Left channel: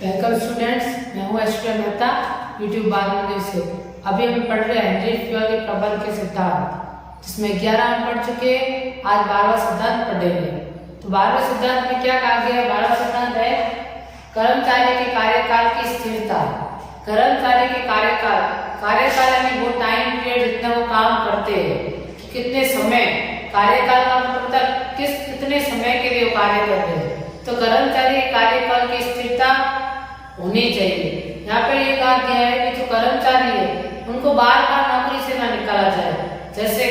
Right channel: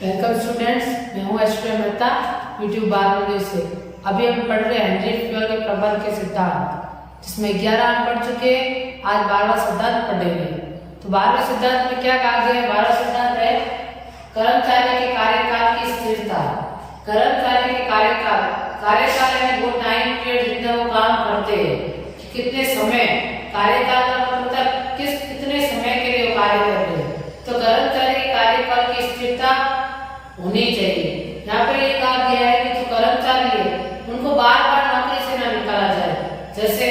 Welcome students, मैं हूँ HP Mehta YouTube बाल से। अभी हम पढ़ रहे हैं हेनरी फ्योल के प्रबंध के सिद्धांत, जिसमें 11 अंक पढ़ चुके हैं। आज 12वां सिद्धांत पढ़ेंगे। तो 12वें सिद्धांत में क्या कहा गया है? 12वां सिद्धांत है कर्मचारी के कार्यकाल की स्थिरता। कर्मचारी के कार्यकाल यानी वो टाइम पीरियड जितना वो काम करते हैं, कितने समय, कार्यकाल का मतलब कितने समय के लिए वो कार्य कर रहे हैं। तो कर्मचारी कार्यकाल की स्थिरता होनी चाहिए। यहाँ पे ये कहा गया है कि जो कर्मचारी है उनको बार बार नौकरी से ना निकाला जाए। जैसे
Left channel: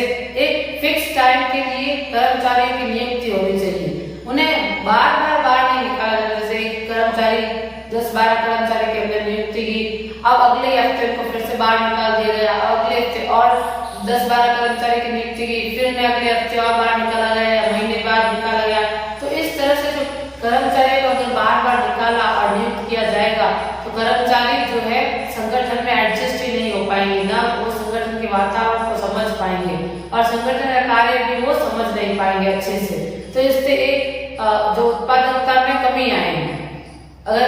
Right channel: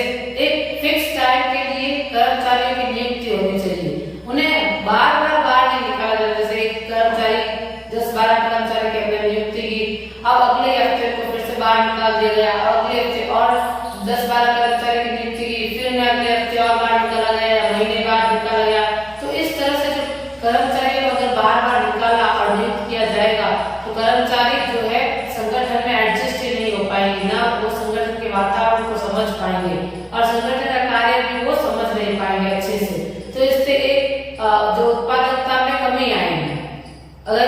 एक फिक्स टाइम के लिए कर्मचारियों की नियुक्ति होनी चाहिए, उन्हें बार बार नहीं निकाला जाए। जैसे एक कर्मचारी 10-12 कर्मचारी की हमने नियुक्ति की, अब अगले हफ्ते को फिर से बाहर निकाल दिया गया, अगले हफ्ते और 10-12 कर्मचारी की नियुक्ति की, फिर अगले हफ्ते और बाहर निकाला गया, महीने बाद निकाला गया। तो इस तरह से जो कर्मचारी को अगर बार बार निकाला और नियुक्त किया जाएगा तो कर्मचारी जो है संगठन में एडजस्ट ही नहीं हो पाएंगे, ना वो संगठन के वातावरण को समझ पाएंगे और संगठन का कार्य भी वो समझ नहीं पाएंगे अच्छे से। तो इससे एक जो उत्पादकता में कमी आएगी। अगर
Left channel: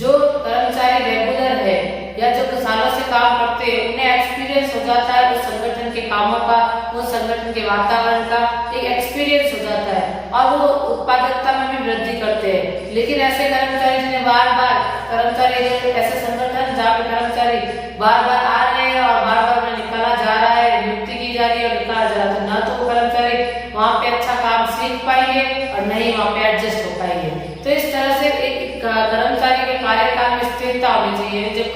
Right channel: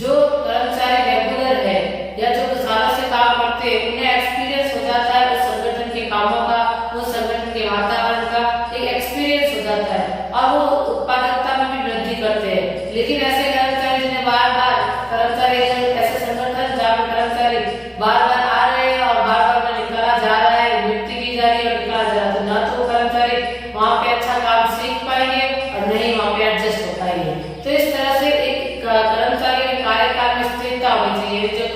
जो कर्मचारी रेगुलर है या जो सालों से काम करते हैं, उन्हें एक्सपीरियंस हो जाता है उस संगठन के कामों का, उस संगठन के वातावरण का एक एक्सपीरियंस हो जाता है और वो उत्पादकता में भी वृद्धि करते हैं। लेकिन ऐसे कर्मचारी जिन्हें बार ऐसे संगठन जहाँ पे कर्मचारी बार बार आ रहे हैं और बार बार निकाला जा रहा है, नियुक्ति की जा रही है और निकाला जा रहा है, तो ना तो कर्मचारी वहाँ पे अच्छा काम सीख पाएंगे और नहीं वहाँ पे एडजस्ट हो पाएंगे। तो इस तरह से एक कर्मचारी के कार्यकाल में स्थिरता होनी चाहिए। जब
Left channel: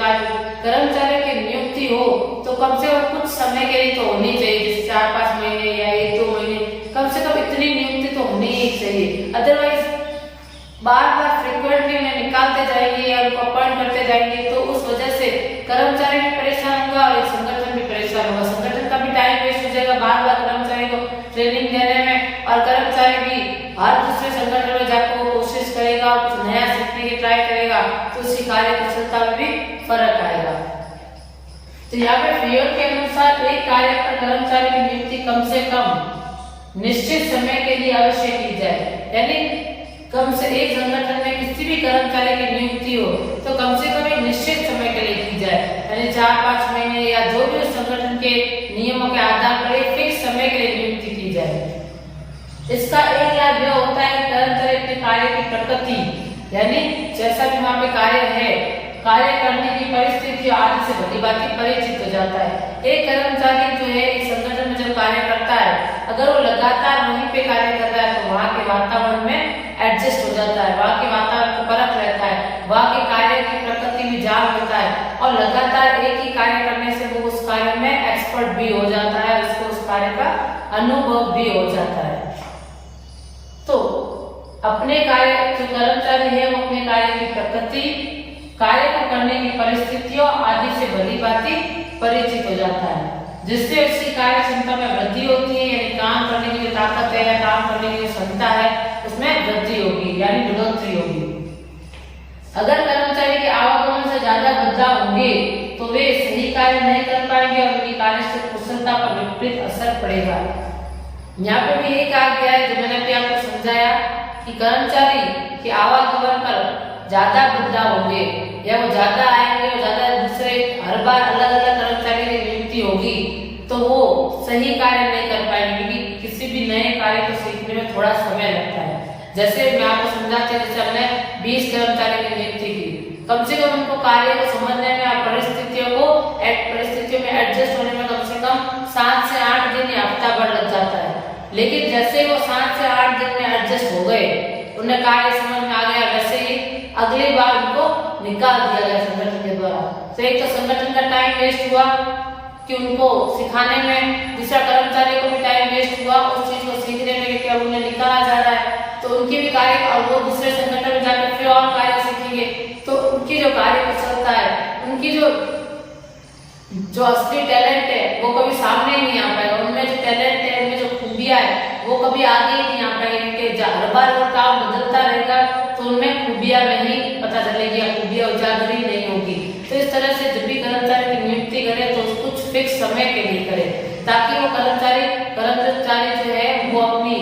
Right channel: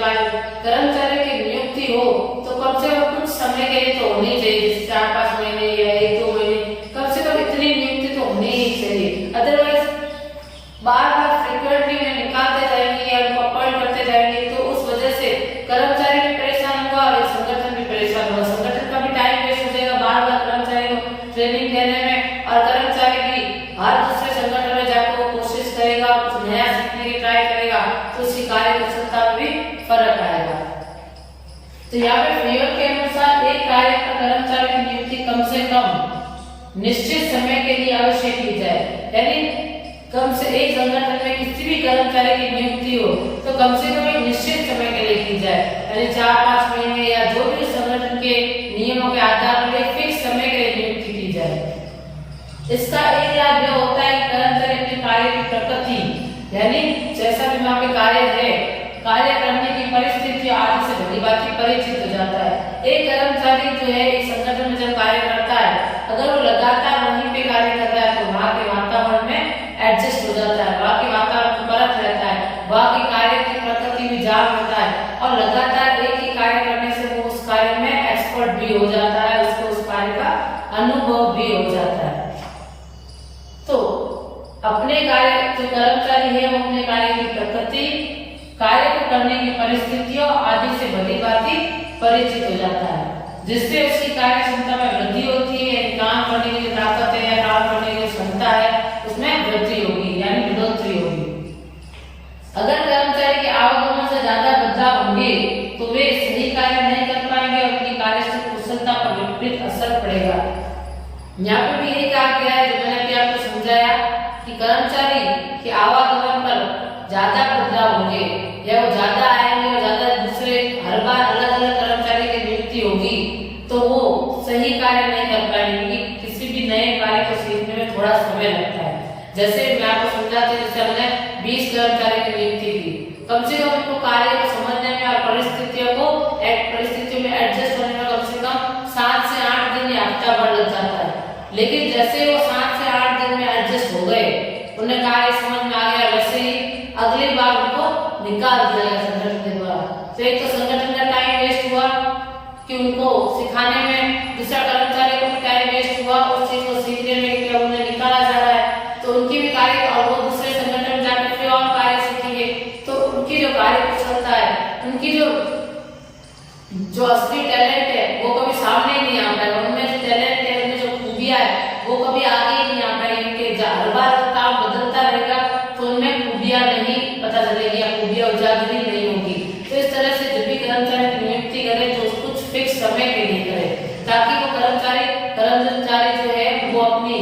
कर्मचारी की नियुक्ति हो तो कम से कम कुछ समय के लिए तो होनी चाहिए, जैसे 4-5 महीने या 1-2 महीने, कम से कम इतनी नियुक्ति तो होनी ही चाहिए। अदरवाइज बार फ्रीक्वेंटली उन्हें निकालते जाएंगे या उनको अपॉइंट करते जाएंगे तो उस वजह से कर्मचारी भी परेशान होगा और संगठन भी परेशान होगा। संगठन का भी टाइम वेस्ट हो जाएगा बार कर्मचारी को ट्रेनिंग देने में, और कर्मचारी भी हर दूसरे संगठन में जाकर कोशिश करेगा, कुछ नया सीखने की ट्राई करेगा, तो उसकी कार्य कुशलता में भी फर्क आएगा। तो यहाँ पे फ्योल के अनुसार एक कार्य पर कर्मचारी की नियुक्ति कम से कम निश्चित समय के लिए अवश्य की जाए। यानी कम से एक संगठन में किसी भी कर्मचारी की नियुक्ति हो तो कम से कम एक निश्चित समय के लिए की जाए, यानी 4-5 महीने या जो भी संगठन के नियमों के आधार पर एक फिक्स समय के लिए नियुक्ति की जाए। इसका एक लाभ यह होता है कि कर्मचारी अपने कार्य की प्रकृति, यानी जैसा भी वहाँ पे कार्य है, कार्य करने की परिस्थिति आदि से भली भांति परिचित हो जाता है। एक कर्मचारी जो है एक संगठन में जब कार्य करता है, अगर वो लगातार वहीं पे कार्य कर रहा है तो वहाँ के वातावरण में एडजस्ट हो जाता है, वहाँ के वातावरण को परख रहता है, वहाँ के कार्य की प्रकृति भी जान लेता है और लगातार एक ही कार्य करने से वो उस कार्य में एक्सपर्ट भी हो जाता है, उसको उस कार्य का अनुभव भी हो जाता है। तो अपने कार्य जो कर्मचारी है वो अपने कार्य की प्रकृति, कार्य को करने की परिस्थितियों आदि से भली भांति परिचित हो जाता है, जिससे उसकी कार्य क्षमता में वृद्धि होती है, यानी काम करने की जो ताकत है या काम करने की जो क्षमता है उसमें वृद्धि होगी, यानी बढ़ोतरी होगी। अगर कर्मचारी के आवागमन से ज्यादा बदलाव होंगे तो वे सही कार्य नहीं कर पाएंगे और उनकी कार्य कुशलता पर विपरीत असर पड़ेगा। यहाँ पे भी यही कहा गया है, जो मैंने अभी आपको समझाया, कि कर्मचारी के आवागमन पर ज्यादा बदलाव होंगे या वो ज्यादा आएंगे और ज्यादा दूसरे हर बार अलग कर्मचारी की नियुक्ति होगी तो वो सही कार्य नहीं कर पाएंगे, क्योंकि किसी भी नए कार्य को सीखने में थोड़ा समय लगता है। जैसे मैं आपको समझाती हूँ, जैसे हमने 20 कर्मचारी की नियुक्ति की, कम से कम उनको कार्य को समझने में और परिस्थितियों में एडजस्ट होने में कम से कम 7 से 8 दिन या हफ्ता भर लग जाता है। लेकिन जैसे वो 7 से 8 दिन में एडजस्ट हो गए, उन्हें कार्य समझ में आ गया, वैसे ही अगली बार उनको निकाल दिया गया संगठन के द्वारा। तो एक तो संगठन का टाइम वेस्ट हुआ कि उनको सिखाने में, दूसरा कर्मचारी को भी टाइम वेस्ट हुआ उस चीज को सीखने में कि अब उन्हें निकाला जा रहा है, तो उनकी भी कार्य, और वो दूसरे संगठन में जाकर फिर और कार्य सीखेंगे तो उनकी जो कार्य कुशलता है, उनकी जो असली टैलेंट है वो कभी सामने ही नहीं आ पाएगा। उनमें जो टैलेंट है, उनमें जो खूबियां है वो कभी आगे ही नहीं आ पाएंगे। हर बार काम बदलता रहेगा तो उनमें खूबियां नहीं पता चलेगी या खूबियां उजागर ही नहीं होगी। तो इस तरह से जब भी कर्मचारी की नियुक्ति करे तो कुछ फिक्स समय के लिए करे, ताकि वो कर्मचारी जो है वो अपनी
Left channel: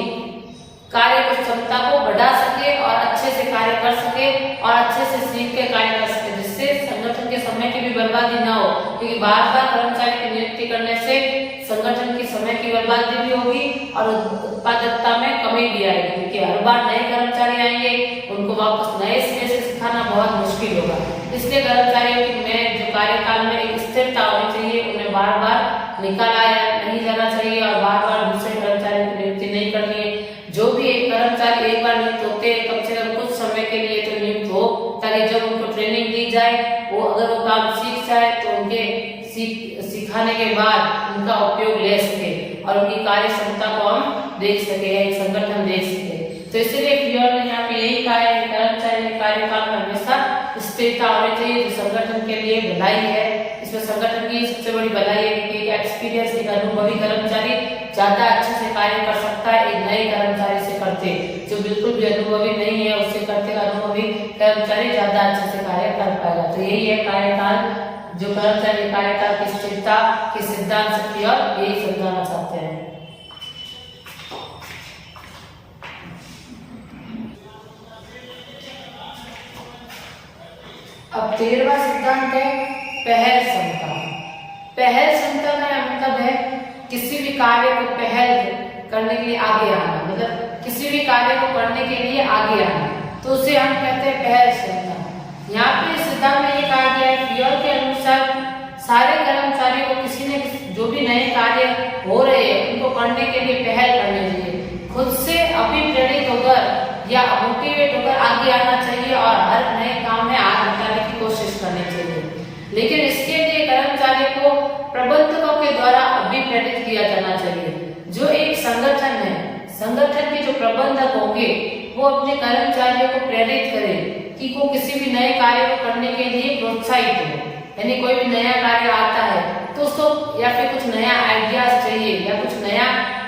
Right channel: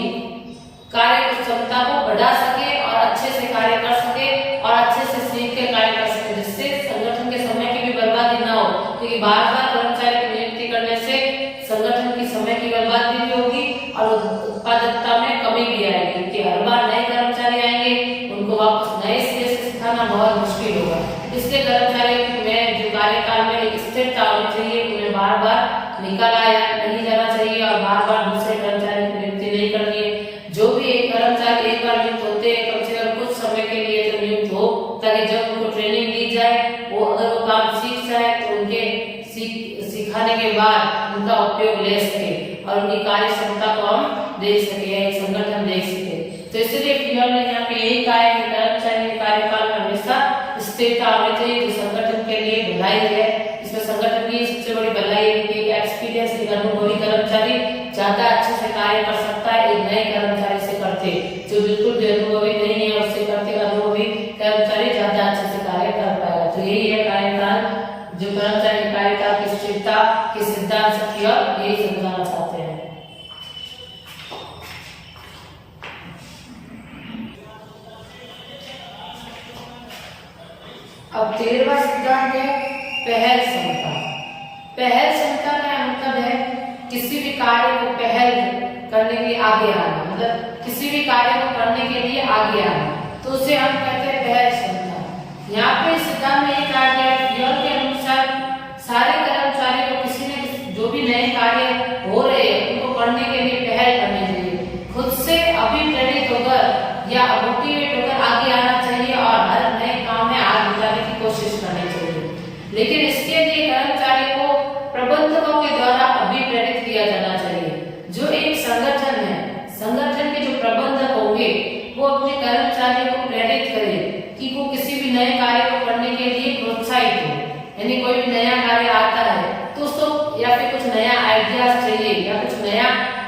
कार्य क्षमता को बढ़ा सके और अच्छे से कार्य कर सके और अच्छे से सीख के कार्य कर सके, जिससे संगठन के समय की भी बर्बादी ना हो, क्योंकि बार बार कर्मचारी की नियुक्ति करने से संगठन की समय की बर्बादी भी होगी और उत्पादकता में कमी भी आएगी, क्योंकि हर बार नए कर्मचारी आएंगे, उनको वापस नए सिरे से सिखाना बहुत मुश्किल होगा। इसलिए कर्मचारियों में जो कार्यकाल में एक स्थिरता होनी चाहिए, उन्हें बार बार निकाला नहीं जाना चाहिए और बार बार दूसरे कर्मचारियों की नियुक्ति नहीं करनी है। जो भी एक कर्मचारी एक बार नियुक्त होते हैं, कम से कम कुछ समय के लिए तो नियुक्त हो, ताकि जब उनको ट्रेनिंग दी जाए, वो अगर वो काम सीख जाए तो उनके सिखाने के बाद उनका उपयोग ले सके और उनकी कार्य क्षमता को हम देख सके, एक संगठन देख सके। तो इसलिए फ्यूअल ने यहाँ पे यही कहा है कि कर्मचारी के कार्यकाल में हमेशा स्थिरता होनी चाहिए, जो संगठन के लिए भलाई है। इसमें संगठन की सबसे बड़ी भलाई है कि एक्सपीरियंस, एक अनुभवी कर्मचारी ज्यादा अच्छे से कार्य कर सकता है एक नए कर्मचारी से करते, जो बिल्कुल भी अनुभवी नहीं है उससे करते अनुभवी कर्मचारी ज्यादा अच्छे से कार्य कर पाएगा। तो यही है कार्यकाल, जो कर्मचारी कार्यकाल की स्थिरता के सिद्धांत से फ्यूअल यही समझाना चाहते हैं। अब 13वां सिद्धांत है पहल क्षमता। पहल क्षमता का मतलब है किसी भी कार्य को पहल करने के लिए आगे आना, मतलब किसी भी कार्य को करने के लिए आगे आना, तो उसे हम कहते हैं पहल क्षमता। यहाँ पे सिद्धांत में ये कहा गया है फ्यूअल के अनुसार सारे कर्मचारियों को किसी न जो भी नए कार्य हो रहे हैं उनको करने के लिए पहल करनी चाहिए, खुद से अभिप्रेरित होकर या मोटिवेट होकर आगे आना चाहिए और हर नए काम में आग लगाने की कोशिश करनी चाहिए। लेकिन इसके लिए कर्मचारी को प्रबंधकों के द्वारा अभिप्रेरित किया जाना चाहिए। जो एक संगठन है, संगठन के जो प्रबंधक होंगे वो अपने कर्मचारियों को प्रेरित करें कि वो किसी भी नए कार्य को करने के लिए प्रोत्साहित हो। यानी कोई भी नया कार्य आता है तो उसको या फिर कुछ नया आइडियाज चाहिए या कुछ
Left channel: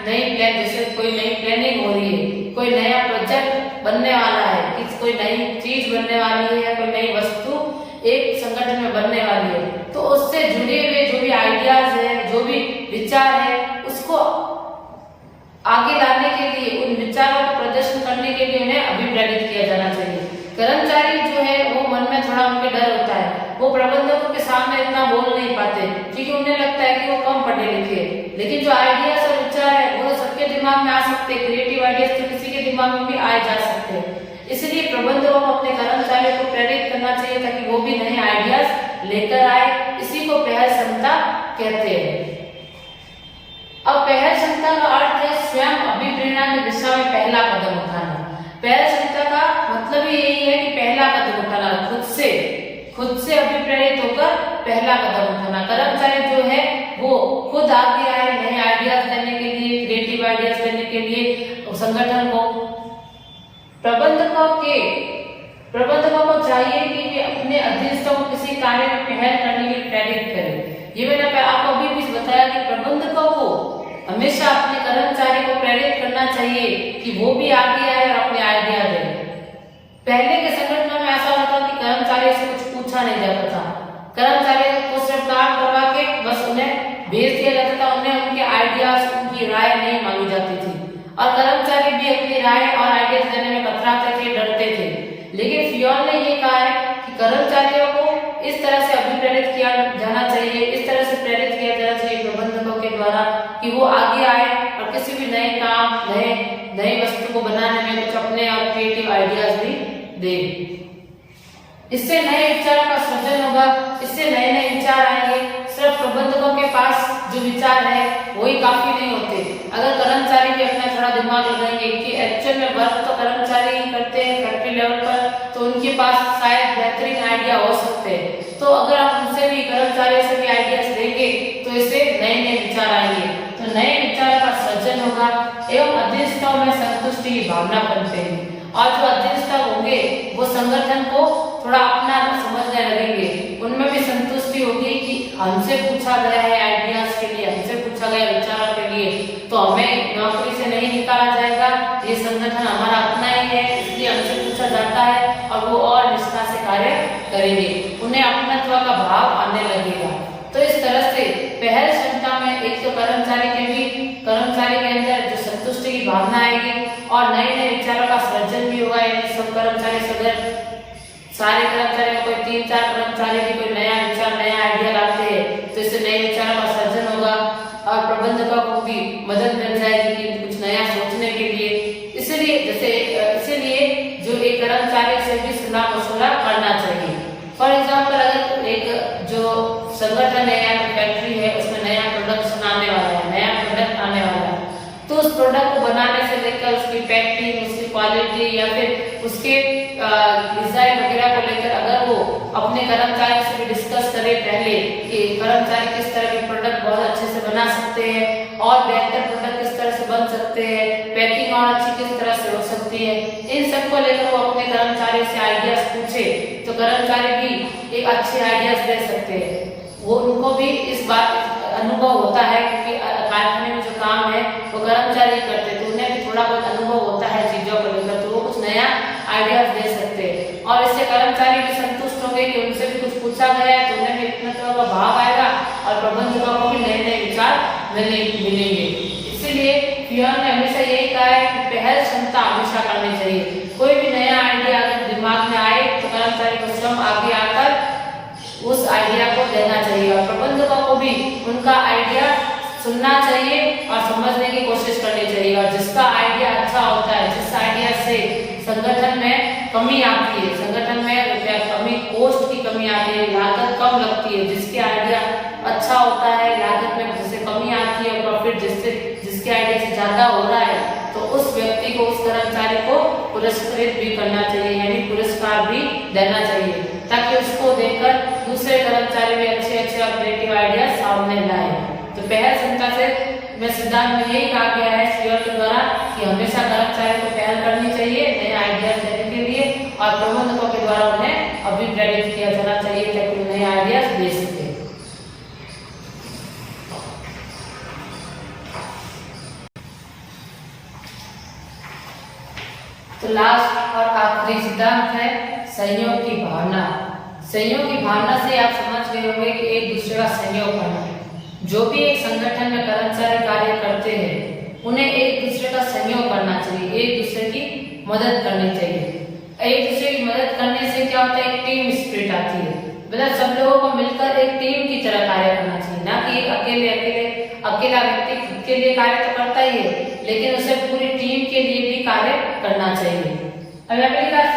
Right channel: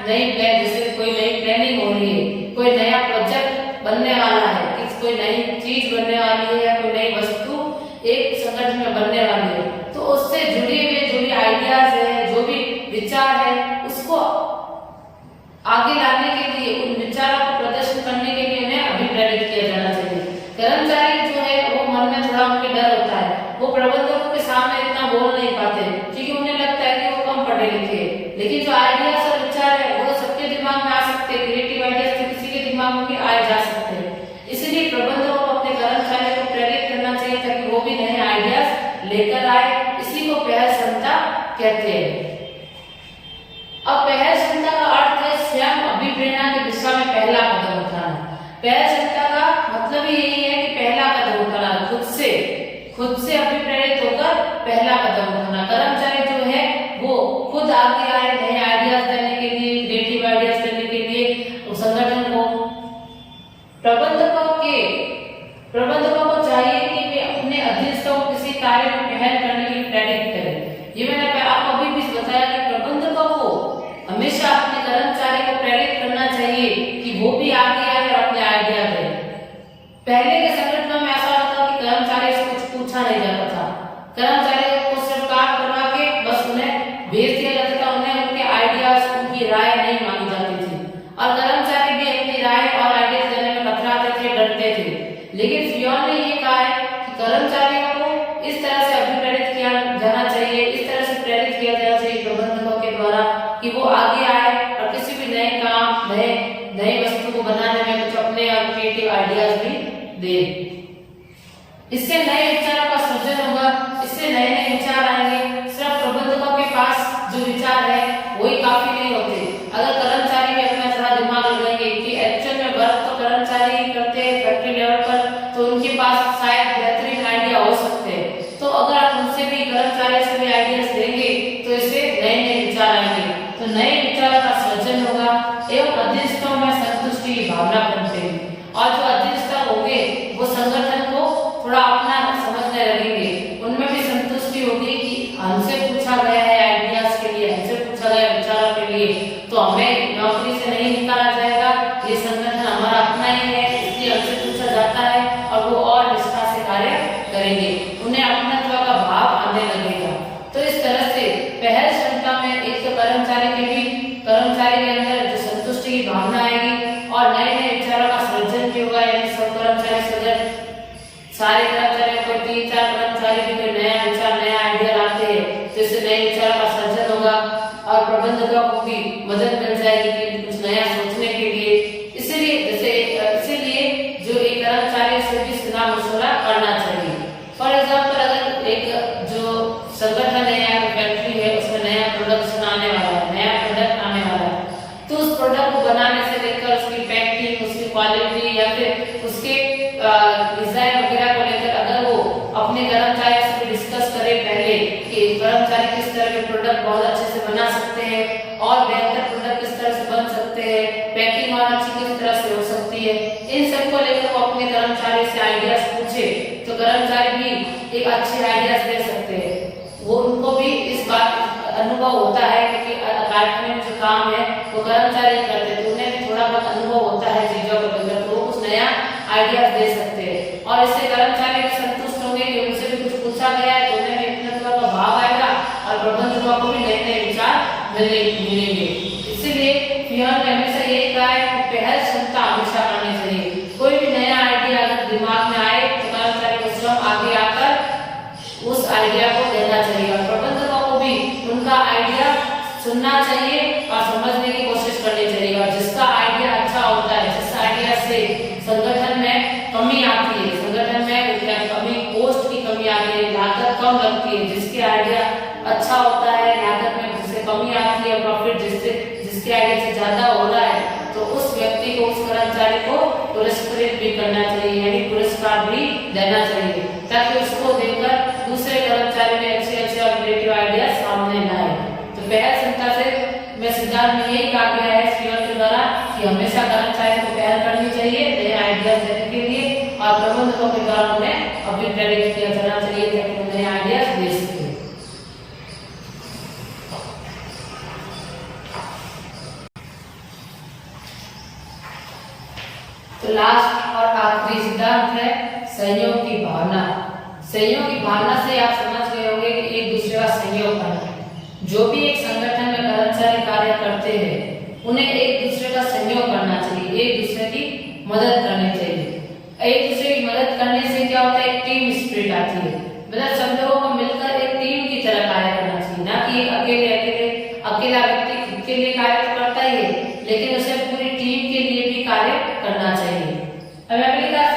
नई प्लान, जैसे कोई नई प्लानिंग हो रही है, कोई नया प्रोजेक्ट बनने वाला है, कि कोई नई चीज बनने वाली है या कोई नई वस्तु एक संगठन में बनने वाली है, तो उससे जुड़े हुए जो भी आइडियाज है, जो भी विचार है, उसको आगे लाने के लिए, उन विचारों को प्रदर्शन करने के लिए उन्हें अभिप्रेरित किया जाना चाहिए। कर्मचारी जो है वो मन में थोड़ा उनके डर होता है, वो प्रबंधकों के सामने इतना बोल नहीं पाते क्योंकि उन्हें लगता है कि वो कम पढ़े लिखे हैं। लेकिन जो आइडियाज और विचार है वो सबके दिमाग में आ सकते हैं, क्रिएटिव आइडियाज तो किसी के दिमाग में भी आए जा सकते हैं। इसलिए प्रबंधकों को अपने कर्मचारियों को प्रेरित करना चाहिए ताकि वो भी नए आइडियाज लेकर आए। इसी को पहल क्षमता कहते हैं। अब पहल क्षमता का अर्थ है स्वयं अभिप्रेरणा की दिशा में पहला कदम उठाना। पहल क्षमता का मतलब ही यही है कि पहला कदम उठाना, खुद से अभिप्रेरित होकर पहला कदम उठाना। कर्मचारी जो है वो खुद आगे आए नए आइडियाज देने के लिए, क्रिएटिव आइडियाज देने के लिए संगठन को। प्रबंधकों को चाहिए कि वे अपने अधीनस्थों को किसी कार्य में पहल करने के लिए प्रेरित करें। ये मैंने आपको अभी भी बताया कि प्रबंधकों को हमेशा अपने कर्मचारी को प्रेरित करना चाहिए कि वो भी आगे आए और अपने आइडिया दें। पहले के संगठन में ऐसा होता कि कर्मचारी से कुछ पूछा नहीं जाता था, कर्मचारी को सिर्फ काम करवा के बस उन्हें भेज दिया जाता था, उन्हें उनके आइडियाज, उनकी राय नहीं मांगी जाती थी और कर्मचारी भी अपनी राय और आइडियाज देने में कतराते थे, डरते थे। लेकिन फ्यूअल ने ये कहा है कि कर्मचारियों को इस तरह से अभिप्रेरित किया जाना चाहिए, इस तरह से प्रेरित किया जाना चाहिए प्रबंधकों के द्वारा कि वो आगे आए और किसी भी नए काम, नए वस्तु को बनाने में कुछ अपने और क्रिएटिव आइडियाज भी दे। इससे नए विचारों का सृजन होगा, इससे नए विचार आएंगे। सिर्फ प्रबंधकों के पास जो विचार है वही काफी नहीं होते। अगर कर्मचारी भी अपना थोड़ा दिमाग लगाएंगे कि एक्चुअल में वर्क तो कर्मचारी ही करते हैं फैक्ट्री लेवल पर, तो उनके पास शायद बेहतरीन आइडिया हो सकते हैं। तो अगर आप उनसे भी, कर्मचारी से भी आइडियाज देंगे तो इससे नए विचार आएंगे, तो नए विचारों का सृजन होगा एवं अधीनस्थों में संतुष्टि की भावना बनते हैं और जो अधीनस्थ होंगे वो संगठन को थोड़ा अपना समझने लगेंगे। उनमें भी संतुष्टि होगी कि हमसे पूछा गया है आइडियाज के लिए, हमसे पूछा गया विचारों के लिए, तो हमें नौकरी से नहीं निकाला जाएगा, ये संगठन हमारा अपना ही है, इसलिए हमसे पूछा जाता है और वो और निष्ठा से कार्य करेंगे, उन्हें अपनत्व का भाव आने लगेगा। तो इस तरह से पहल क्षमता में एक तो कर्मचारी के अंदर जो संतुष्टि की भावना आएगी और नए नए विचारों का सृजन भी होगा। यानी सब कर्मचारी सदस्य, सारे कर्मचारी, कोई 3-4 कर्मचारी भी कोई नया विचार, नया आइडिया लाते हैं तो इससे नए विचारों का सृजन होगा और प्रबंधकों को भी मदद मिल जाएगी कि कुछ नया सोचने के लिए। इसीलिए जो एक कर्मचारी से भी सलाह मशवरा करना चाहिए। फॉर एग्जाम्पल, अगर एक जो संगठन है या फैक्ट्री है उसमें नया प्रोडक्शन आने वाला है, नया प्रोडक्ट आने वाला है, तो उस प्रोडक्ट को बनाने से लेकर उसकी पैकिंग, उसकी क्वालिटी या फिर उसके डिजाइन वगैरह को लेकर अगर वो अपने कर्मचारियों से भी डिस्कस करे पहले कि कर्मचारी किस तरह के प्रोडक्ट बहुत अच्छे से बना सकते हैं और बेहतर प्रोडक्ट किस तरह से बन सकते हैं, पैकिंग और अच्छी किस तरह से हो सकती है, इन सब को लेकर वो अपने कर्मचारी से आइडियाज पूछे तो कर्मचारी भी एक अच्छे आइडियाज दे सकते हैं। वो उनको भी इस बात अनुभव होता है क्योंकि कारखाने में जो काम है वो कर्मचारी करते हैं तो उन्हें भी थोड़ा बहुत अनुभव होता है चीजों को लेकर, तो वो कुछ नया आइडियाज दे सकते हैं और इससे कर्मचारी भी संतुष्ट होंगे कि उनसे भी कुछ पूछा गया है तो उन्हें भी इतना थोड़ा भाव आएगा और प्रबंधकों को भी नए नए विचार मिलेंगे। इसीलिए पियोन ने हमेशा यही कहा है कि पहल क्षमता हमेशा करनी चाहिए। कोई भी नया आइडिया अगर दिमाग में आए तो कर्मचारी को स्वयं आगे आकर उस आइडिया को देना चाहिए और प्रबंधकों को भी उनका आइडिया सुनना चाहिए और समझने की कोशिश करनी चाहिए। और जिसका आइडिया अच्छा होता है, जिस आइडिया से संगठन में कमी आती है, संगठन में क्या कमी, कोस्ट की कमी आती है, लागत कम लगती है, जिसके आइडिया अच्छा होता है, लागत में जिससे कमी आती है, प्रॉफिट जिसके आइडिया से ज्यादा हो रहा है, तो उस व्यक्ति को, उस कर्मचारी को पुरस्कृत भी करना चाहिए, यानी पुरस्कार भी देना चाहिए ताकि उसको देखकर दूसरे कर्मचारी में अच्छे क्रिएटिव आइडिया सामने लाए। तो पहल क्षमता से मैं सिद्धांत में यही कहा गया है स्टीयर के द्वारा कि हमेशा कर्मचारी को पहल करनी चाहिए नए आइडिया देने के लिए और प्रबंधकों के द्वारा उन्हें अभी प्रेरित किया जाना चाहिए ताकि वो नए आइडिया दे सके। तो लास्ट और आखिरी सिद्धांत है सहयोग की भावना। सहयोग की भावना से आप समझ गए होंगे कि एक दूसरे का सहयोग करना। जो भी एक संगठन में कर्मचारी कार्य करते हैं उन्हें एक दूसरे का सहयोग करना चाहिए, एक दूसरे की मदद करनी चाहिए। एक दूसरे की मदद करने से क्या होता है, टीम स्पिरिट आती है, मतलब सब लोगों को मिलकर एक टीम की तरह कार्य करना चाहिए, ना कि अकेला व्यक्ति खुद के लिए कार्य तो करता ही है लेकिन उसे पूरी टीम के लिए भी कार्य करना चाहिए।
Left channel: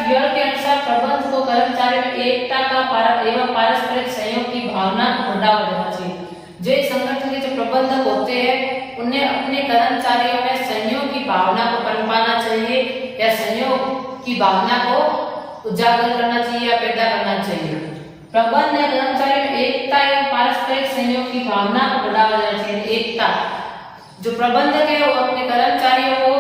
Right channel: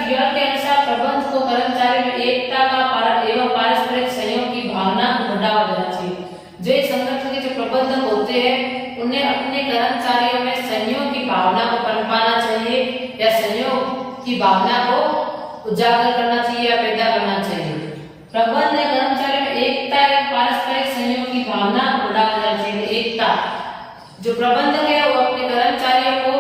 फियर के अनुसार प्रबंधक को कर्मचारी में एकता का एवं पारस्परिक सहयोग की भावना को बढ़ावा देना चाहिए। जो एक संगठन के जो प्रबंधक होते हैं उन्हें अपने कर्मचारियों में सहयोग की भावना को पनपाना चाहिए या सहयोग की भावना को उजागर करना चाहिए या पैदा करना चाहिए। प्रबंधक ने कर्मचारी में एकता एवं पारस्परिक सहयोग की भावना को बढ़ावा देना चाहिए। एकता, जो प्रबंधक है वो अपने कर्मचारियों को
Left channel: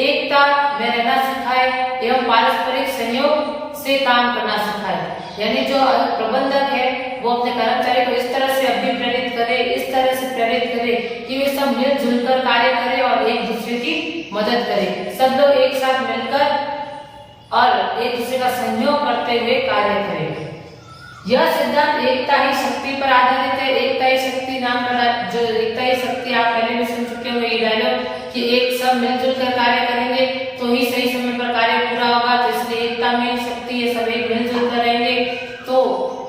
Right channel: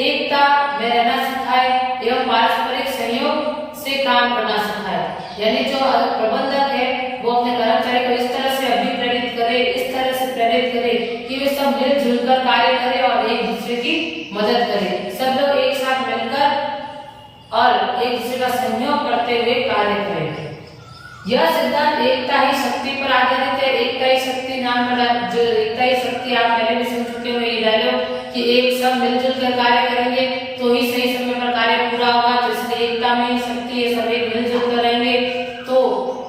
एकता में रहना सिखाए एवं पारस्परिक सहयोग से काम करना सिखाए। यानी जो प्रबंधक है वो अपने कर्मचारी को इस तरह से अभिप्रेरित करे, इस तरह से प्रेरित करे कि वे सब मिलजुल कर कार्य करें और एक दूसरे की मदद करें। सब लोग एक साथ मिलकर और एक दूसरे का सहयोग करते हुए कार्य करें। यह सिद्धांत एकता ही शक्ति पर आधारित है। एकता ही शक्ति नाम का जो एकता ही शक्ति आप पहले भी सुन चुके होंगे ये डायलॉग कि एक सब मिलजुल कर कार्य करेंगे तो ही सही समय पर कार्य पूरा होगा। तो इसलिए एकता में ही शक्ति है, सब एक मिलजुल कर रहेंगे तो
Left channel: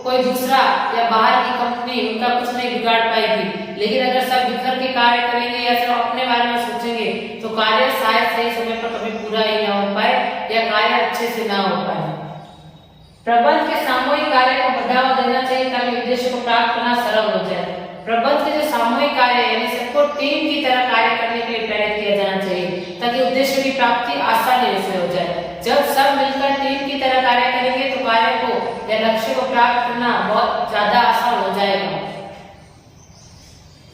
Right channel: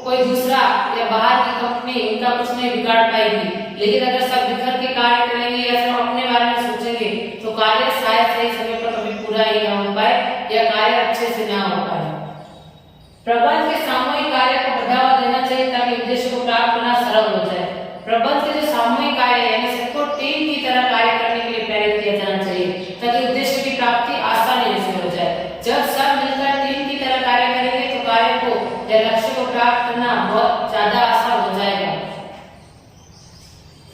कोई दूसरा या बाहर की कंपनी उनका कुछ नहीं बिगाड़ पाएगी। लेकिन अगर सब बिखर के कार्य करेंगे या सब अपने बारे में सोचेंगे तो कार्य शायद सही समय पर कभी पूरा ही ना हो पाए या कार्य अच्छे से ना हो पाए। प्रबंध के सामूहिक कार्य को बढ़ावा देना चाहिए ताकि उद्देश्य को प्राप्त करना सरल हो जाए। प्रबंध के जो सामूहिक कार्य यानी सबको टीम की तरह कार्य करने के लिए प्रेरित किया जाना चाहिए ताकि उद्देश्य की प्राप्ति आसानी से हो जाए। जब सब मिलकर टीम की तरह कार्य करेंगे तो कार्य को या लक्ष्य को प्राप्त करना बहुत ज्यादा आसान हो जाएगा।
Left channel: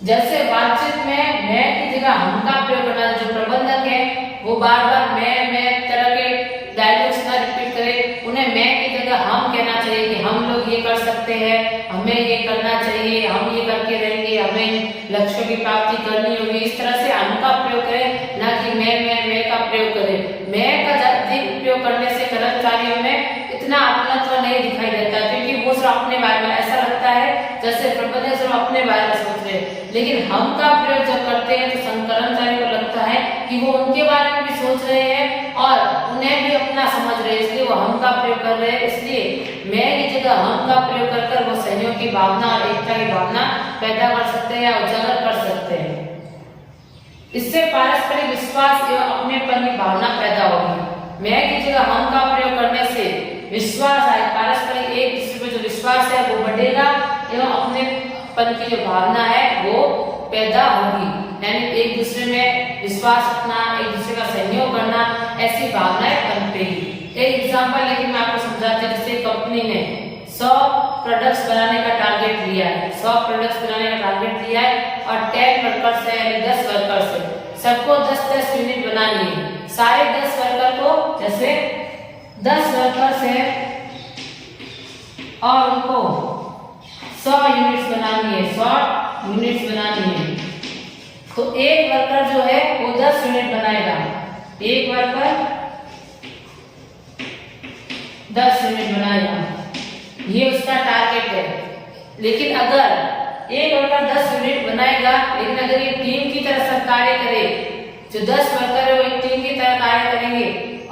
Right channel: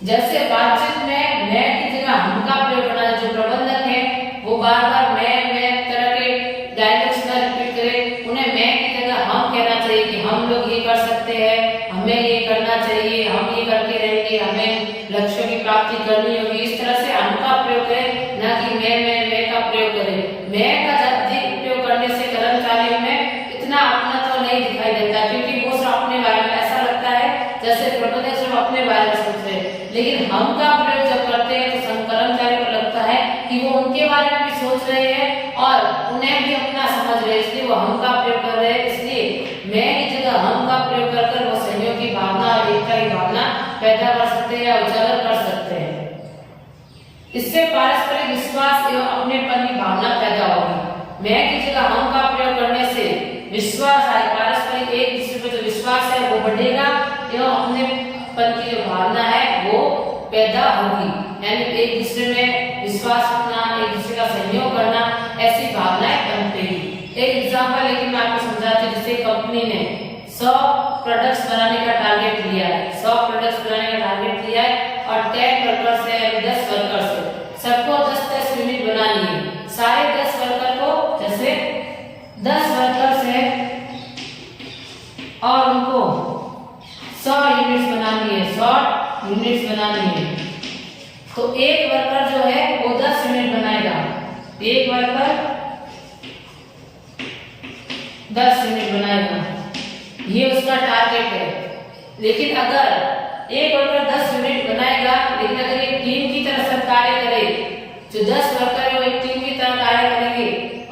जैसे बातचीत में मैं की जगह हम का प्रयोग करना, जो प्रबंधक है वो बार बार मैं तरह के डायलॉग्स ना रिपीट करे, उन्हें मैं की जगह हम कहना चाहिए कि हम लोग ये कर सकते हैं, हमें ये करना चाहिए, हम ये करके रहेंगे, हमें लक्ष्यों की प्राप्ति करनी होगी। इस तरह से हम का प्रयोग करें, ना कि मैं का प्रयोग करें। मैं का अधिक प्रयोग करने से कर्मचारियों में इतना अपनत्व नहीं दिखाई देता क्योंकि वो सब अपने बारे में ऐसा लगता है जैसे प्रबंधक सब अपने बारे में सोच रहे हैं, लेकिन हम का प्रयोग जब करते हैं तो कर्मचारी को लगता है कि वो उनके बारे में भी सोच रहे हैं और उन्हें भी अपना समझ रहे हैं, इसलिए वो हम का प्रयोग कर रहे हैं। इसलिए मैं की जगह हम का प्रयोग कर वो सहयोग की भावना और एकता की भावना पैदा कर सकते हैं या उजागर कर सकते हैं। इससे पारस्परिक विश्वास एवं अपनेपन की भावना पैदा होगी। मैं की जगह हम का प्रयोग करने से विश्वास आए, पारस्परिक एक दूसरे पर जो विश्वास है वो बढ़ेगा एवं अपनेपन की जो भावना है वो पैदा होगी, यानी एक दूसरे में विश्वास रखना, एक दूसरे का सहयोग करना, ऐसी भावनाएं पनपेगी। एक एग्जांपल लेकिन मैं आपको समझाती हूँ। जैसे कंपनी ने 100 प्रोडक्ट्स बनाने का टारगेट लिया है, 100 प्रोडक्ट्स बनाने का टारगेट लिया है और 10 वर्कर्स हैं, यानी 10 वर्कर्स हैं, सबको 10-10 यूनिट बनानी है। सारे 10 वर्कर को, जैसे 10 वर्कर्स हैं और उनको 100 यूनिट्स बनानी है, 100 यूनिट्स बनानी है, तो एक वर्कर जो है वो 10 यूनिट बनाएगा, एक वर्कर 10 यूनिट बनाएगा, ये उसका टारगेट है। लेकिन अगर एक वर्कर 10 यूनिट बनाएगा, लेकिन अगर ये टीम की तरह सब कार्य करे, जो 10 वर्कर है वो एक टीम की तरह कार्य करेंगे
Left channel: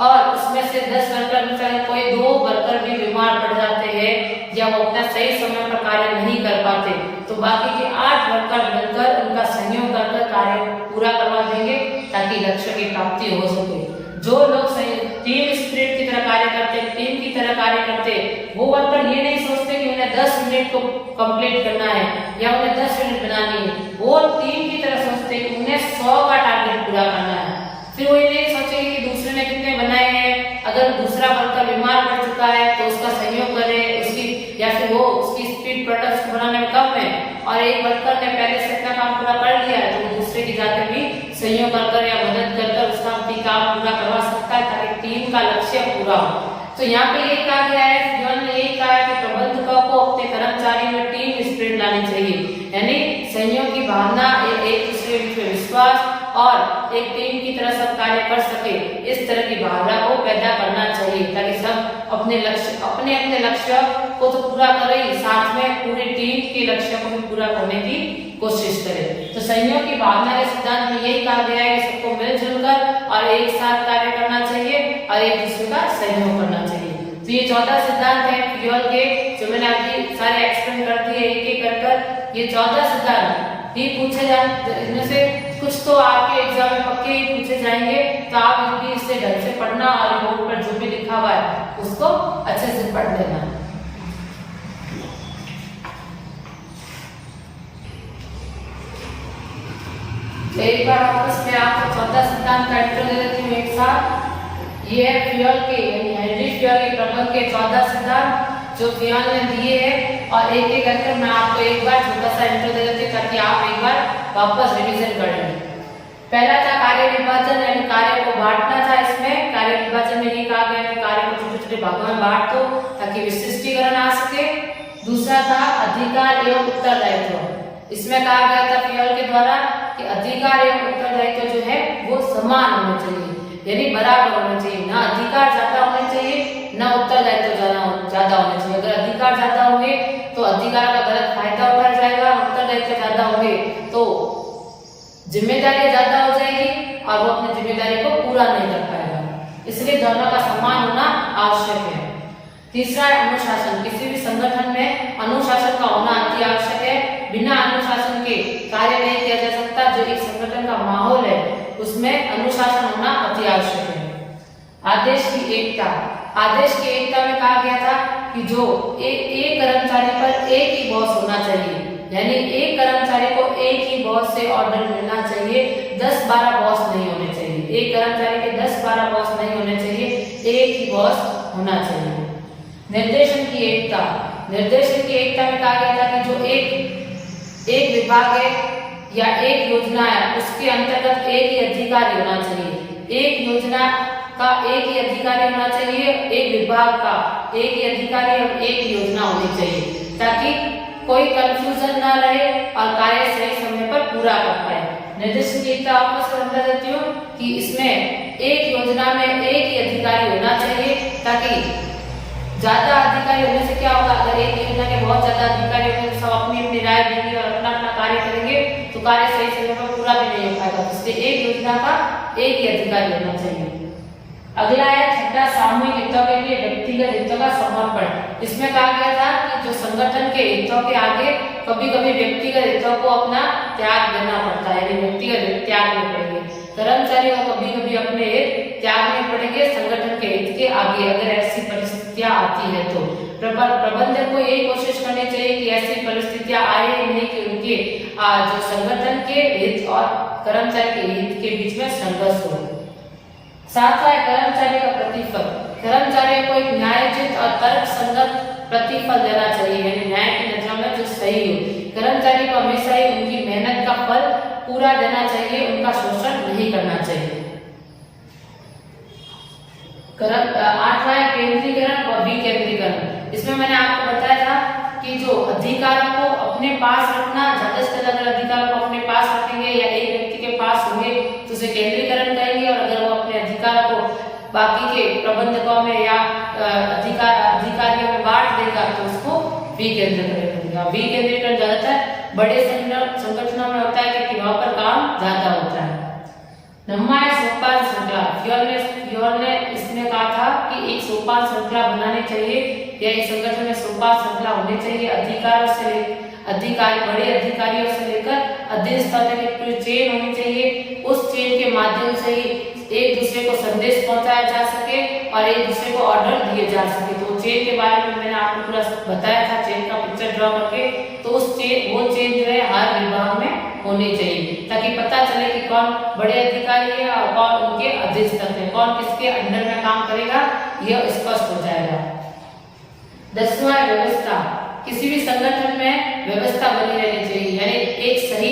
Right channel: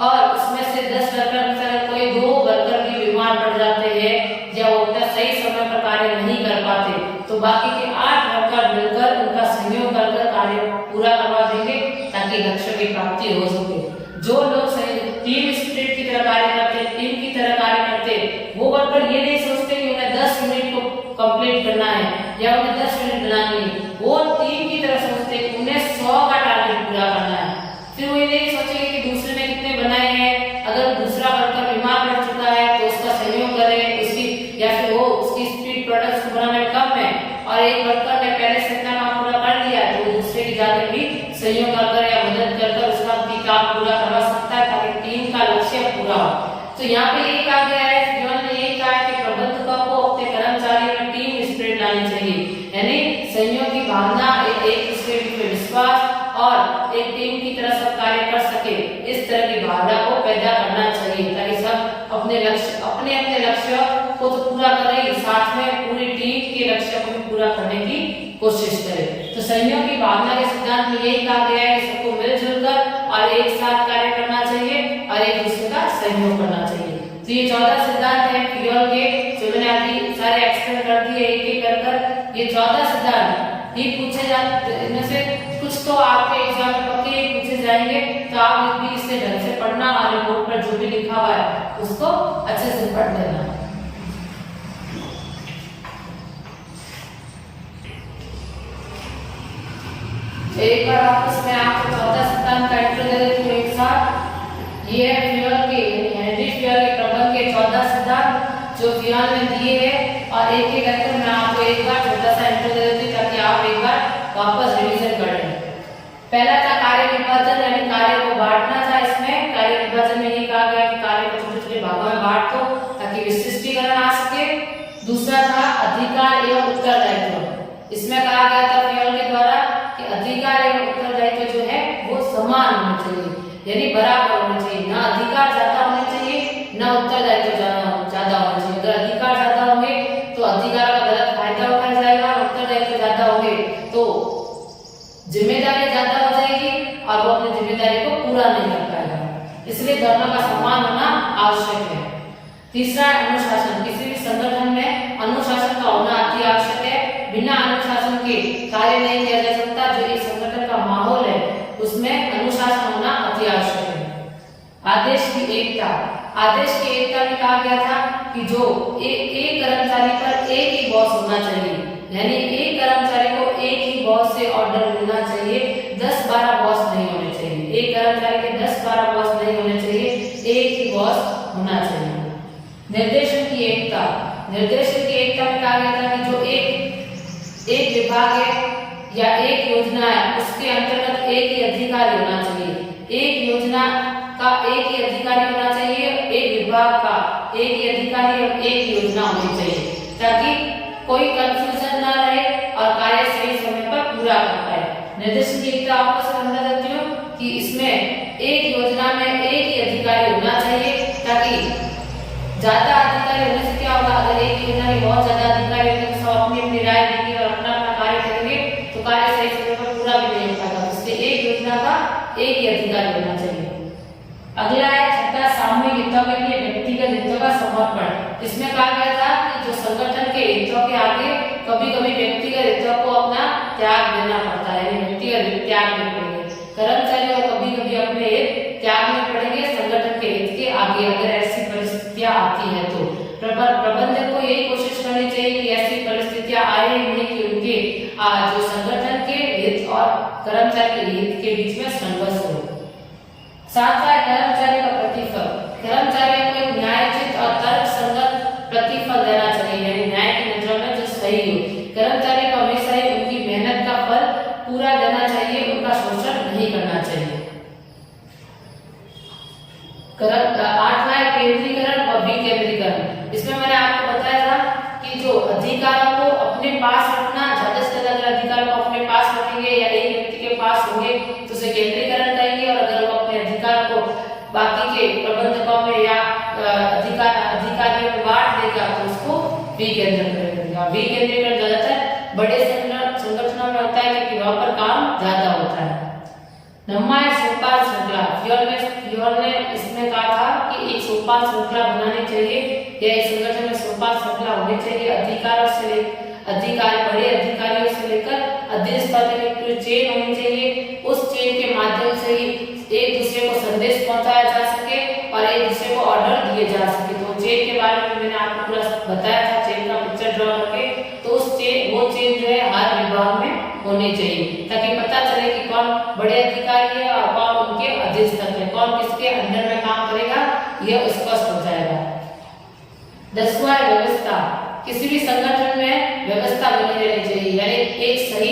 और उसमें से 10 वर्कर में से कोई 2 वर्कर भी बीमार पड़ जाते हैं या वो अपना सही समय पर कार्य नहीं कर पाते, तो बाकी के 8 वर्कर मिलकर उनका सहयोग कर कार्य पूरा करवा देंगे ताकि लक्ष्य की प्राप्ति हो सके। जो लोग टीम स्पिरिट की तरह कार्य करते हैं, टीम की तरह कार्य करते हैं, वो वर्कर ये नहीं सोचते कि उन्हें 10 मिनट को कंप्लीट करना है या उन्हें 10 मिनट बनानी है, वो टीम की तरह सोचते हैं कि उन्हें 100 का टारगेट पूरा करना है। फिर वो ये नहीं सोचेंगे कि दूसरे ने कितने बनाए हैं, अगर दूसरा वर्कर बीमार पड़ चुका है तो उसका सहयोग करे, उसकी या फिर वो उसकी स्पीड प्रोडक्ट्स को बनाने में कम है और एक वर्कर ने पहले से इतना काम पूरा कर लिया है, तो वो दूसरे की जाकर भी सहयोग कर या मदद कर उसका काम पूरा करवा सकता है ताकि टीम का लक्ष्य पूरा हो। तो यहाँ पे ये कहा गया है, जीवन ने ये कहा है कि प्रबंधकों को अपने कर्मचारियों में टीम स्पिरिट लानी चाहिए, यानी सहयोग की भावना, एक दूसरे के विश्वास और एक टीम की तरह सब कार्य कर सके, इस तरह की भावना को पैदा करना चाहिए ताकि सब अपने लक्ष्य को तो पूरा करें, साथ में पूरी टीम के लक्ष्य को भी पूरा करने की कोशिश करें। तो सहयोग की भावना के सिद्धांत में यही कहा गया है कि सबको मिलजुल कर और एक साथ कार्य करना चाहिए और एक दूसरे का सहयोग करना चाहिए। तो ये 14 सिद्धांत है फ्यूअल के, जो मैंने अभी सारे एक्सप्लेन कर दिए एक एक कर। ये 14 सिद्धांत ही पूछे जाते, इनमें से कुछ तो आपके एग्जाम में पक्के ही पूछे जाएंगे, तो आप भी इसे ढंग से पढ़ना और रिपोर्ट पर जो भी लिखा हुआ है उसको अच्छे से पढ़ लेना है। तो एक बार वापस मैं आपको 14 सिद्धांत का इंट्रो दे देती हूँ एक साथ। ये है फ्यूअल के, यानी हेनरी फ्यूअल के प्रबंध के 14 सिद्धांत जो फ्यूअल ने दिए हैं, और एक एक करके मैं आपको एक बार छोटा सा इंट्रो दे देती हूँ ताकि आप एक बार वापस रिवीजन कर लें। पहला था कार्य विभाजन, यानी कार्य को बांटना था। इसमें कार्य विभाजन में ये कहा गया कि कार्य को छोटे छोटे भागों में बांट दो ताकि विशिष्टीकरण आ सके। दूसरा था अधिकार एवं उत्तरदायित्व। इसमें कहा गया था फ्यूअल के द्वारा कि अधिकार एवं उत्तरदायित्व जो है वो समान होने चाहिए, यानी बराबर होने चाहिए, ना अधिकार ज्यादा होने चाहिए ना उत्तरदायित्व ज्यादा होने चाहिए। अगर अधिकार ज्यादा होंगे तो अधिकार का गलत फायदा उठाया जाएगा, उत्तरदायित्व ज्यादा होंगे तो जिम्मेदारी ज्यादा हो जाएगी और वो अपनी जिम्मेदारी को पूरा नहीं कर पाएगा। इसलिए दोनों का समान होना आवश्यक है। तीसरा है अनुशासन। किसी भी संगठन में अनुशासन का होना अति आवश्यक है। बिना अनुशासन के कार्य नहीं किया जा सकता। जो एक संगठन का माहौल है उसमें अनुशासन होना अति आवश्यक है। आदेश की एकता। आदेश की एकता में कहा गया था कि जो एक कर्मचारी पर एक ही बॉस होना चाहिए, यानी एक कर्मचारी को एक ही बॉस से ऑर्डर मिलना चाहिए, 10-12 बॉस नहीं होने चाहिए। एक कर्मचारी के 10-12 बॉस नहीं होने चाहिए, एक ही बॉस होना चाहिए। निर्देशन की एकता। निर्देशन की एकता में कहा गया था कि जो एक विभाग है या एक योजना है उसके अंतर्गत एक ही अधिकारी होना चाहिए। एक योजना का एक ही अधिकारी होना चाहिए, एक विभाग का एक ही अधिकारी और एक योजना होनी चाहिए ताकि कोई कंफ्यूजन ना रहे और कार्य सही समय पर पूरा कर पाए। निर्देशन की एकता आपको समझा देती हूँ कि इसमें एक योजना में एक ही अधिकारी होना चाहिए ताकि ज्यादा अधिकारी होने से क्या होगा, अगर एक योजना के बहुत ज्यादा अधिकारी होंगे तो सब अपनी कार्य सही समय पर पूरा भी नहीं हो पाएगा। इसलिए एक योजना का एक ही अधिकारी होना चाहिए। अगला है छठा, सामूहिक हितों के लिए व्यक्तिगत हितों का समर्पण। इसमें कहा गया था कि जो संगठन के हितों के आगे कभी कभी व्यक्तिगत हितों को अपना त्याग देना पड़ता है, यानी व्यक्तिगत हित त्यागने पड़ेंगे। कर्मचारी को कभी कभी अपने हित त्यागने पड़ेंगे संगठन के हित के आगे, अगर ऐसी परिस्थितियां आती है तो प्रबंधक को यही कोशिश करनी चाहिए कि ऐसी परिस्थितियां आए नहीं कि उनके जो संगठन के हित और कर्मचारी के हित के बीच में संघर्ष हो। सातवां है कर्मचारी का प्रतिफल। कर्मचारियों को एक न्यायोचित और तर्कसंगत प्रतिफल देना चाहिए, यानी न्याय की नजर में जो सही हो। कर्मचारी को हमेशा ही उनकी मेहनत का फल पूरा देना चाहिए, उनका शोषण नहीं करना चाहिए। आठवां है केंद्रीकरण और विकेंद्रीकरण। इसमें मैंने आपको बताया था कि जो अधिकारों को अपने पास रखना, ज्यादा से ज्यादा अगर अधिकारों को अपने पास रखेंगे या एक व्यक्ति के पास होंगे तो उसे केंद्रीकरण करेंगे, और अगर वो अपने अधिकार को बाकी के प्रबंधकों में या अधिकारियों में बांट देगा तो उसको विकेंद्रीकरण करेगा। विकेंद्रीकरण ज्यादातर बड़े संगठनों में होता है क्योंकि वहां पर काम ज्यादा होता है। नौवां है सोपान श्रृंखला। फ्योल ने इसमें कहा था कि एक सोपान श्रृंखला बनानी चाहिए या इस संगठन में सोपान श्रृंखला होनी चाहिए। बड़े अधिकारियों से लेकर अधीनस्थ तक की पूरी चेन होनी चाहिए। उस चेन के माध्यम से ही एक दूसरे को संदेश पहुंचाया जा सके और एक दूसरे को ऑर्डर दिए जा सके। तो चेन के बारे में मैंने आपको पूरा बताया था, चेन का पिक्चर ड्रॉ करके। तो वो चेन जो है हर विभाग में होनी चाहिए ताकि पता चले कि कौन बड़े अधिकारी है और कौन उनके अधीनस्थ है, कौन किसके अंडर में काम करेगा, यह स्पष्ट हो जाएगा। 10वां है व्यवस्था। किसी भी संगठन में व्यवस्था बनी रहनी चाहिए, यानी एक सही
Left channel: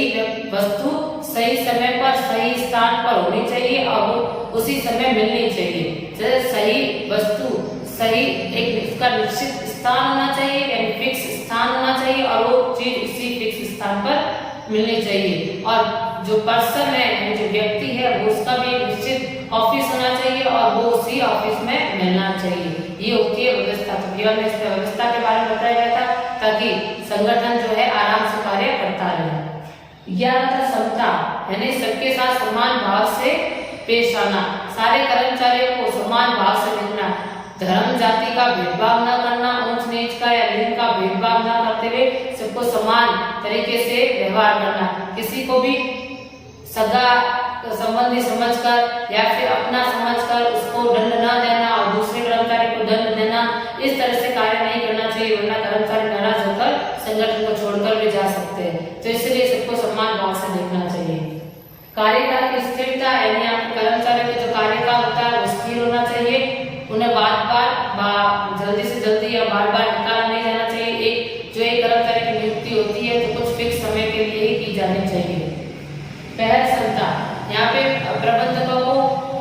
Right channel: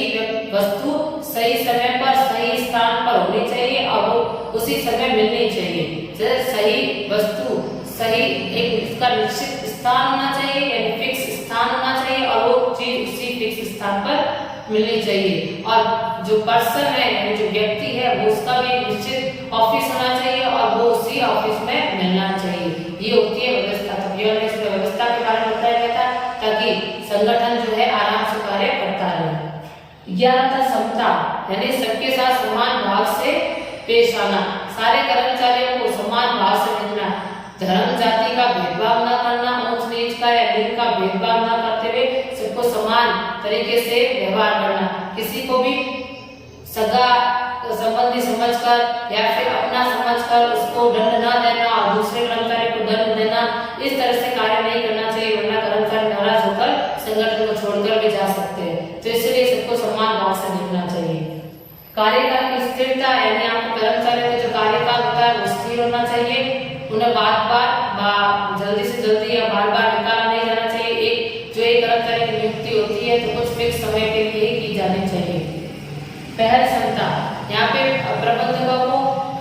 वस्तु सही समय पर सही स्थान पर होनी चाहिए और वो उसी समय मिलनी चाहिए। जैसे सही वस्तु सही एक इसका निश्चित स्थान होना चाहिए, यानी फिक्स स्थान होना चाहिए और वो चीज उसी फिक्स स्थान पर मिलनी चाहिए। और जो पर्सन है यानी जो व्यक्ति है वो उसका भी एक निश्चित ऑफिस होना चाहिए और वो उसी ऑफिस में मिलना चाहिए। ये होती है व्यवस्था। तो फ्योल ने इसमें व्यवस्था के बारे में बताया गया था ताकि संगठन जो है आराम से कार्य करता रहे। 11 था समता, यानी सबके साथ समान भाव से पेश आना। सारे कर्मचारियों को समान भाव से देखना, धर्म जाति का भेदभाव न करना, ऊंच नीच का या लिंग का भेदभाव न करते हुए सबको समान तरीके से व्यवहार करना। किसी को भी सगा संबंधी समझकर या फिर अपना समझकर उसको दंड न देना और दूसरे कर्मचारी को दंड देना, इस तरह से कार्य नहीं करना चाहिए, वरना कर्मचारी नाराज होकर संगठन को छोड़कर भी जा सकते हैं। तो इसलिए सबको समान भाव से देखना चाहिए। कार्यकाल की स्थिरता, यानी आपके कर्मचारियों का जो कार्यकाल होता है वो स्थिर होना चाहिए। उन्हें बार जल्दी से जल्दी या बार निकाला नहीं जाना चाहिए। एक कर्मचारी की नियुक्ति होती है तो कुछ फिक्स समय के लिए ही की जानी चाहिए। पहल क्षमता, यहाँ पे प्रबंधकों को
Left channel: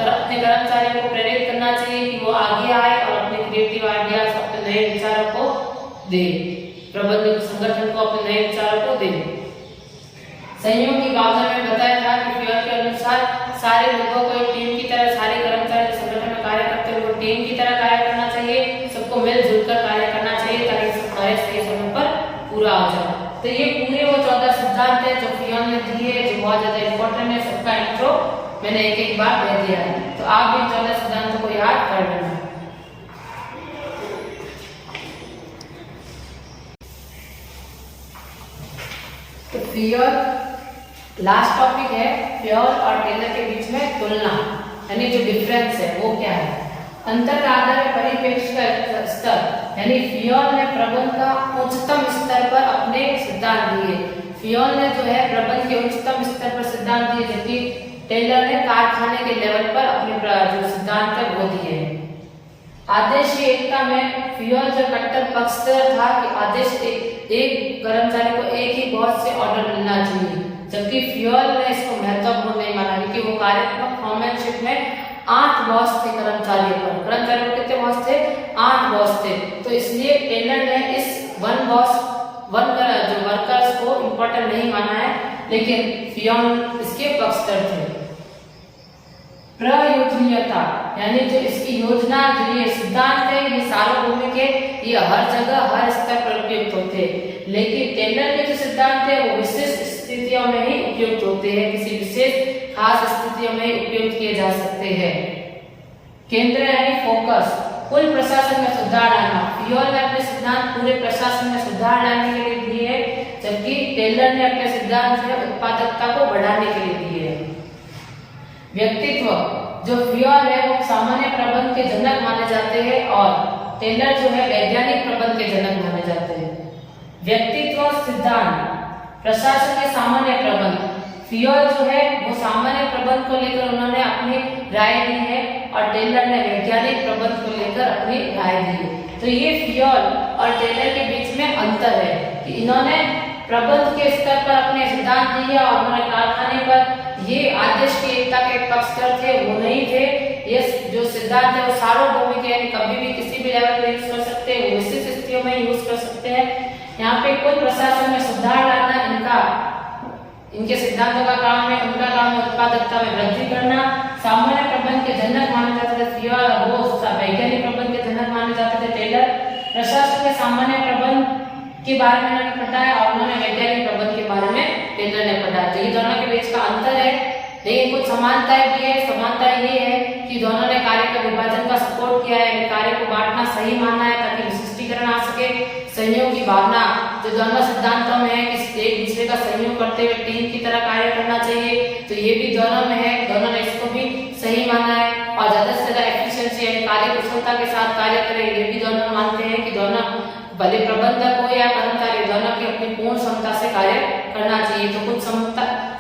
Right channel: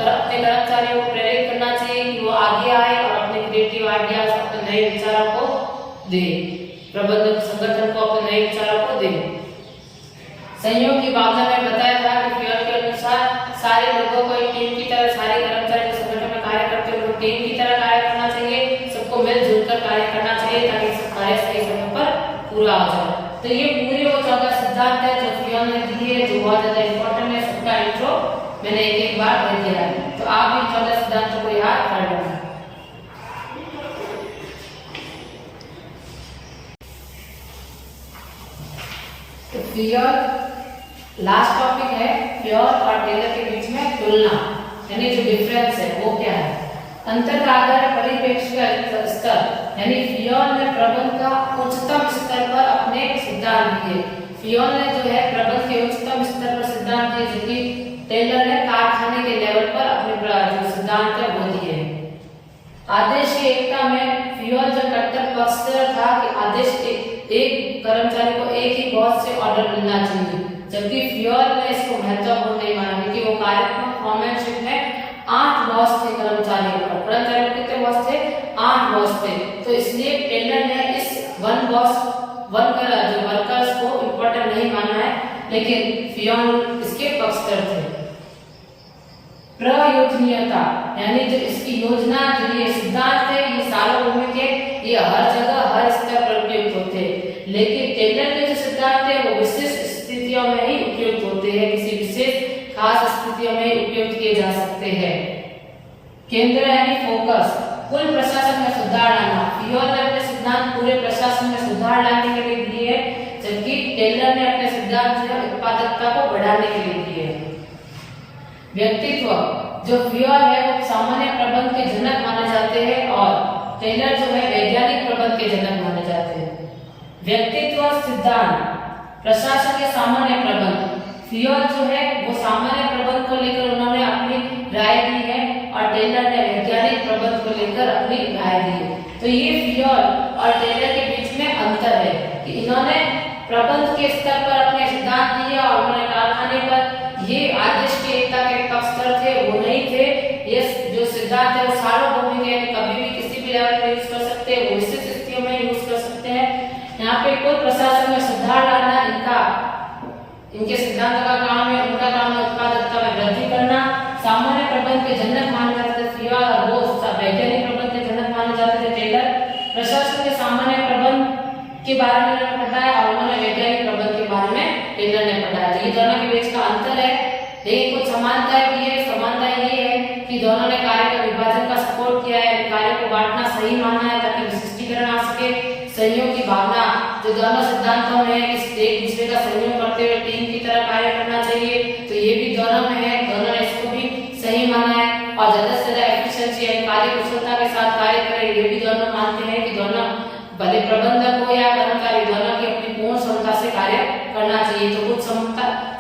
अपने कर्मचारियों को प्रेरित करना चाहिए कि वो आगे आए और अपने क्रिएटिव आइडियाज, अपने नए विचारों को दे। प्रबंधक संगठन को अपने नए विचारों को दे। सहयोग की भावना में बताया था कि फ्योल के अनुसार सारे लोगों को एक टीम की तरह, सारे कर्मचारी संगठन में कार्य करते हुए टीम की तरह कार्य करना चाहिए। सबको मिलजुल कर कार्य करना चाहिए ताकि सब कार्य सही समय पर पूरा हो जाए। तो ये पूरे वो 14 सिद्धांत है जो फ्योल ने दिए, जो बहुत ज्यादा इंपॉर्टेंट है। सबका इंट्रो मैंने एक बार कह दिया है, तो आप भी 14 सिद्धांतों को याद कर लेना। तो फ्योल लास्ट टॉपिक है, फ्योल और टेलर के बीच में तुलना, यानी जो डिफरेंस है वो क्या है। अंतर आधार परिप्रेक्ष्य का स्तर, यानी फ्योल ने प्रबंध का उच्चतम स्तर पर अपने सिद्धांत दिए। फ्योल ने जो है प्रबंध के उच्चतम स्तर पर सिद्धांत दिए, जबकि टेलर ने कारखाने के लेवल पर अपने जो सिद्धांत है वो दिए। आदेश की एकता में फ्योल जो कट्टर पक्षधर था कि आदेश एक कर्मचारी को एक ही बॉस से ऑर्डर मिलना चाहिए, जबकि फ्योल ने इसको महत्वपूर्ण नहीं माना क्योंकि वो कार्यात्मक फॉर्मैनशिप में 8 बॉस थे कर्मचारियों पर। कर्मचारियों के कितने बॉस थे? 8 बॉस थे। तो इसलिए टेलर ने इस वन जो वर्कर्स को इम्पोर्टेंट नहीं माना है, लेकिन फ्योल इसके पक्षधर थे। प्रयोजनीयता, यानी जो इसकी योजना, जो ये सिद्धांत है, ये सार्वभौमिक है, ये हर जगह हर स्तर पर उपयुक्त होते हैं। लेकिन टेलर के जो सिद्धांत है वो विशिष्ट स्थितियों में ही उपयुक्त होते हैं, किसी विशेष खास स्थितियों में उपयुक्त किए जा सकते हैं। केंद्र यानी फोकस, कुल प्रशासन में सुधार लाना। फ्यूल ने अपने सिद्धांत पूरे प्रशासन में सुधार लाने के लिए दिए, जबकि टेलर ने अपने सिद्धांत से उत्पादकता को बढ़ाने के लिए दिए। व्यक्तित्व, जो फ्यूल है वो सामान्य प्रबंध के जनक माने जाते हैं और टेलर जो है वैज्ञानिक प्रबंध के जनक माने जाते हैं। व्यक्तित्व सिद्धांत, प्रशासन के सामान्य प्रबंध। फ्यूल जो है वो सामान्य प्रबंध को लेकर उन्होंने अपनी राय दी है और टेलर ने वैज्ञानिक प्रबंध को लेकर अपनी राय दी है। तो ये फ्यूल और टेलर के बीच में अंतर है कि इन्होंने प्रबंध के स्तर पर अपने सिद्धांत दिए और उन्होंने कारखाने पर ये आदेश की एकता के पक्षधर थे, वो नहीं थे। ये जो सिद्धांत है वो सार्वभौमिक है, कभी भी किसी भी लेवल पर यूज कर सकते हैं, विशेष स्थितियों में यूज कर सकते हैं। यहाँ पे कुल प्रशासन में सुधार लाना इनके सिद्धांतों का काम है। उनका काम है उत्पादकता में वृद्धि करना। सामान्य प्रबंध के जनक माने जाते थे फ्यूल और वो वैज्ञानिक प्रबंध के जनक माने जाते थे टेलर। प्रशासन के सामान्य प्रबंध के बारे में उन्होंने बताया और उन्होंने वैज्ञानिक प्रबंध के बारे में टेलर ने बताया। तो ये दोनों के बीच का अंतर है, लेकिन कुछ समानताएं भी है। समानता ये है कि दोनों ने कार्य का विभाजन का सपोर्ट किया है, कार्य को बांटना सही माना है ताकि विशिष्टीकरण आ सके। सहयोग की भावना जो दोनों सिद्धांतों में है कि एक दूसरे का सहयोग करते हुए टीम की तरह कार्य करना चाहिए, तो ये भी दोनों में है, दोनों ने इसको भी सही माना है। और ज्यादा से ज्यादा एफिशिएंसी यानी कार्य कुशलता के साथ कार्य करें, ये भी दोनों मानते हैं कि दोनों भले प्रबंधक हो या कर्मचारी, दोनों की अपनी पूर्ण क्षमता से कार्य करना चाहिए। तो कुछ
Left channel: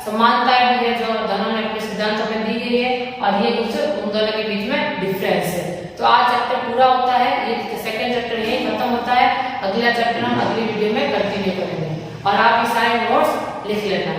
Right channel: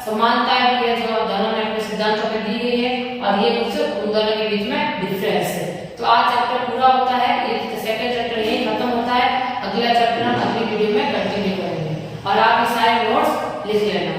समानताएं भी है जो दोनों ने अपने सिद्धांतों में दी गई है और ये कुछ उन दोनों के बीच में डिफरेंस है। तो आज चैप्टर पूरा होता है, ये सेकंड चैप्टर यही खत्म होता है। अगला चैप्टर हम अगली वीडियो में कंटिन्यू करेंगे और आप ये सारे नोट्स लिख लेना।